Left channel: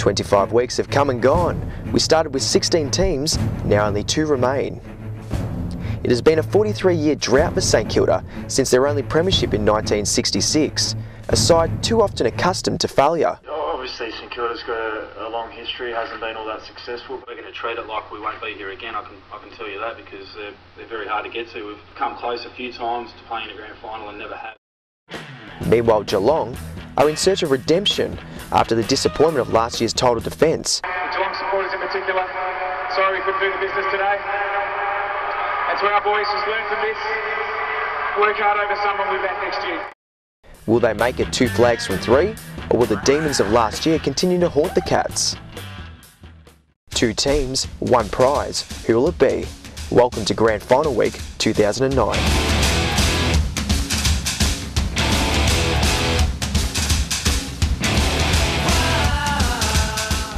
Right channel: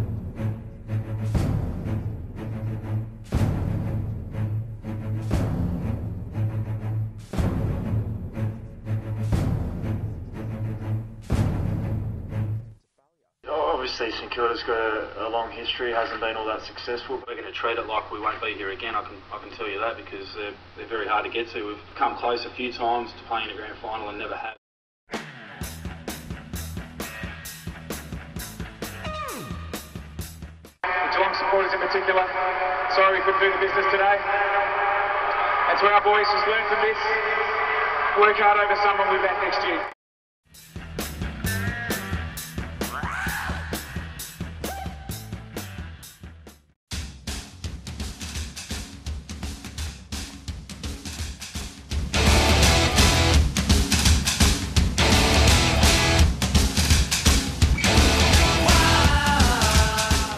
25 weeks have come and gone. We started with 16 teams, now only 2 remain. It has been a 43-year drought for St Kilda since their only premiership in 1966, a side too often accustomed to failure. Obviously St Kilda's got a long history, hasn't been all that successful. We're going to treat it like we won't be here again, I can tell you that, because they're very hard to get to. We've come close a few times to playing a grand final and never have. Meanwhile, Geelong are in search of redemption after the disappointment of last year's title defence. The Geelong supporters in particular, sorry we couldn't do the business today. And to our boys, just learn from this, work hard over summer, we'll be back next year. Will they make it 2 flags from 3, or will the demons of last year continue to haunt the Cats? 2 teams, 1 prize. Who will it be? Welcome to Grand Final Week 2009.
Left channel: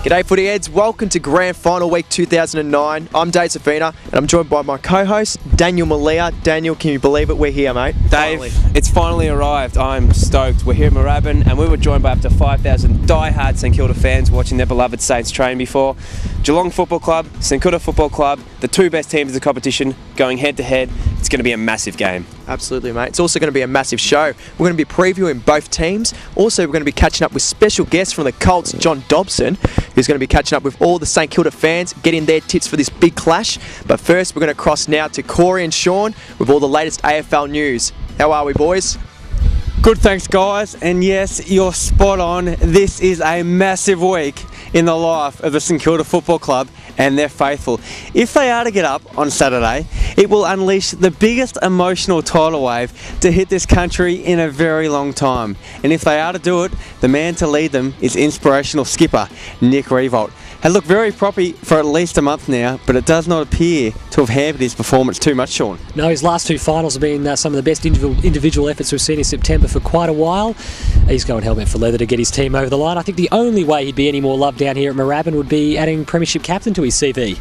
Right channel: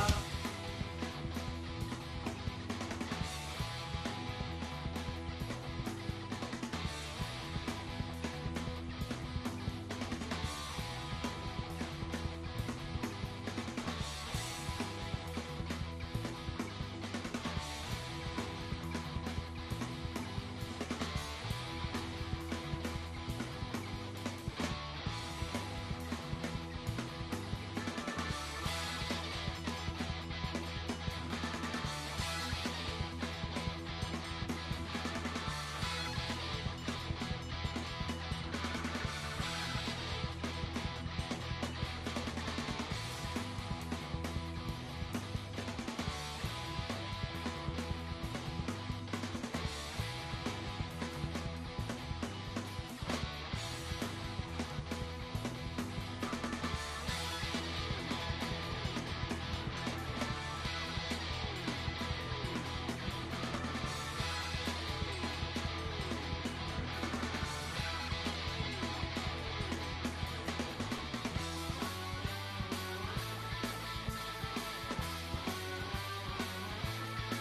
G'day footy heads, welcome to Grand Final Week 2009. I'm Dave Safina and I'm joined by my co-host Daniel Malia. Daniel, can you believe it? We're here, mate. Dave, it's finally arrived. I'm stoked. We're here at Moorabbin and we were joined by up to 5,000 die-hard St Kilda fans watching their beloved Saints train before. Geelong Football Club, St Kilda Football Club, the 2 best teams in the competition going head to head. It's going to be a massive game. Absolutely, mate. It's also going to be a massive show. We're going to be previewing both teams. Also, we're going to be catching up with special guests from the Colts, John Dobson, who's going to be catching up with all the St Kilda fans, getting their tips for this big clash. But first, we're going to cross now to Corey and Sean with all the latest AFL news. How are we, boys? Good, thanks, guys. And yes, you're spot on. This is a massive week in the life of the St Kilda Football Club and their faithful. If they are to get up on Saturday, it will unleash the biggest emotional tidal wave to hit this country in a very long time. And if they are to do it, the man to lead them is inspirational skipper Nick Riewoldt. Had looked very proppy for at least a month now, but it does not appear to have hampered his performance too much, Sean. No, his last 2 finals have been some of the best individual efforts we've seen in September for quite a while. He's going helmet for leather to get his team over the line. I think the only way he'd be any more loved down here at Moorabbin would be adding Premiership captain to his CV.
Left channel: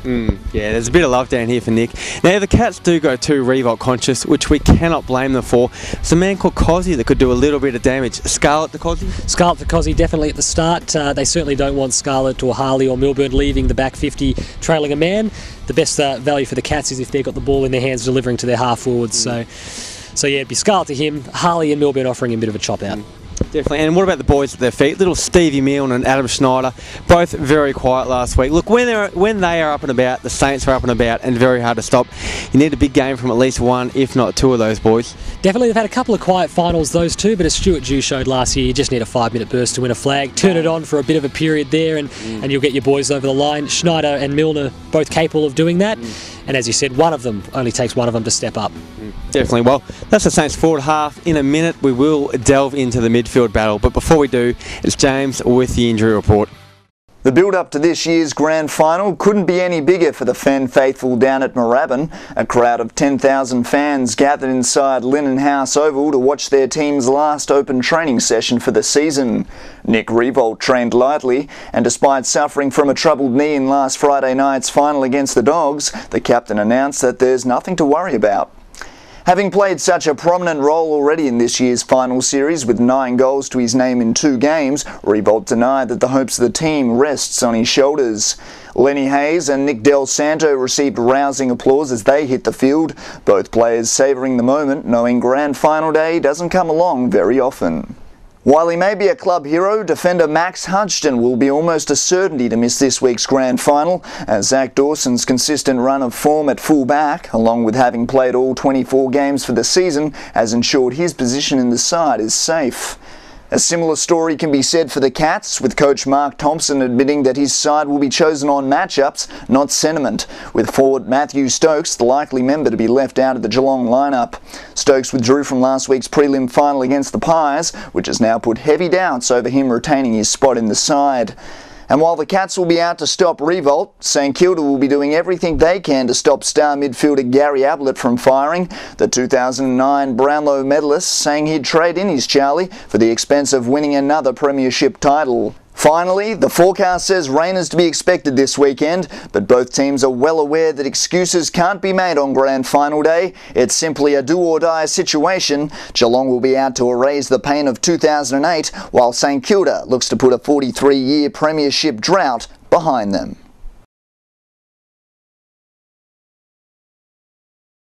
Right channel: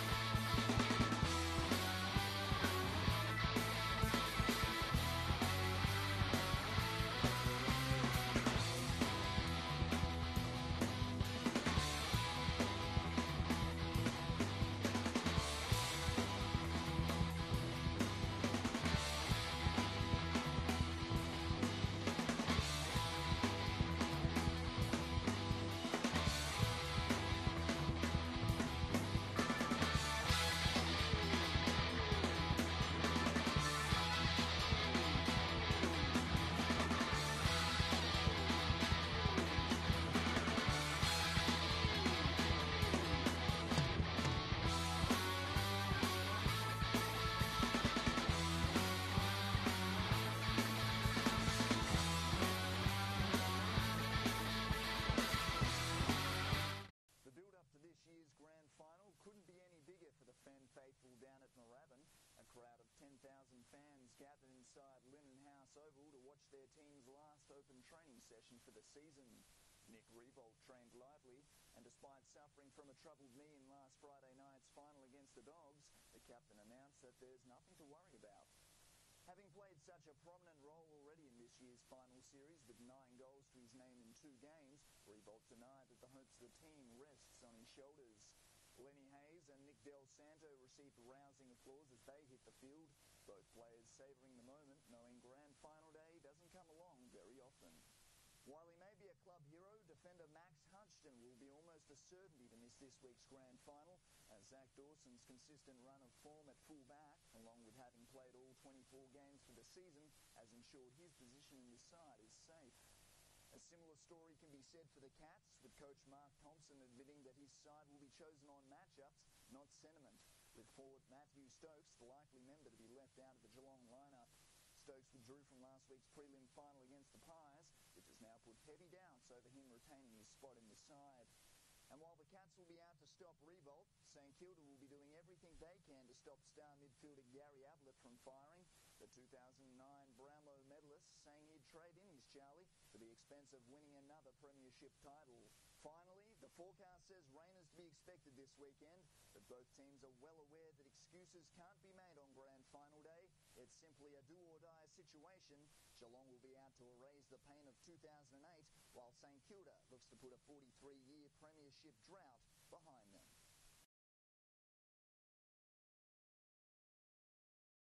Yeah, there's a bit of love down here for Nick. Now, the Cats do go too Riewoldt conscious, which we cannot blame them for. It's a man called Cozzy that could do a little bit of damage. Scarlett to Cozzy? Scarlett to Cozzy, definitely at the start. They certainly don't want Scarlett or Harley or Milburn leaving the back 50 trailing a man. The best value for the Cats is if they've got the ball in their hands delivering to their half forwards. So yeah, it'd be Scarlett to him, Harley and Milburn offering him a bit of a chop out. Definitely. And what about the boys at their feet? Little Stevie Milne and Adam Schneider, both very quiet last week. Look, when they are up and about, the Saints are up and about and very hard to stop. You need a big game from at least 1, if not 2 of those boys. Definitely, they've had a couple of quiet finals, those 2, but as Stuart Dew showed last year, you just need a 5-minute burst to win a flag. Turn it on for a bit of a period there and you'll get your boys over the line. Schneider and Milne are both capable of doing that. And as you said, only takes one of them to step up. Definitely. Well, that's the Saints forward half. In a minute, we will delve into the midfield battle. But before we do, it's James with the injury report. The build-up to this year's grand final couldn't be any bigger for the fan faithful down at Moorabbin. A crowd of 10,000 fans gathered inside Linen House Oval to watch their team's last open training session for the season. Nick Riewoldt trained lightly, and despite suffering from a troubled knee in last Friday night's final against the Dogs, the captain announced that there's nothing to worry about. Having played such a prominent role already in this year's final series with 9 goals to his name in 2 games, Riewoldt denied that the hopes of the team rests on his shoulders. Lenny Hayes and Nick Del Santo received rousing applause as they hit the field, both players savouring the moment, knowing grand final day doesn't come along very often. While he may be a club hero, defender Max Hudgton will be almost a certainty to miss this week's grand final, as Zach Dawson's consistent run of form at full back, along with having played all 24 games for the season, has ensured his position in the side is safe. A similar story can be said for the Cats, with coach Mark Thompson admitting that his side will be chosen on matchups, not sentiment, with forward Matthew Stokes the likely member to be left out of the Geelong lineup. Stokes withdrew from last week's prelim final against the Pies, which has now put heavy doubts over him retaining his spot in the side. And while the Cats will be out to stop Riewoldt, St Kilda will be doing everything they can to stop star midfielder Gary Ablett from firing. The 2009 Brownlow medalist saying he'd trade in his Charlie for the expense of winning another premiership title. Finally, the forecast says rain is to be expected this weekend, but both teams are well aware that excuses can't be made on Grand Final day. It's simply a do-or-die situation. Geelong will be out to erase the pain of 2008, while St Kilda looks to put a 43-year premiership drought behind them.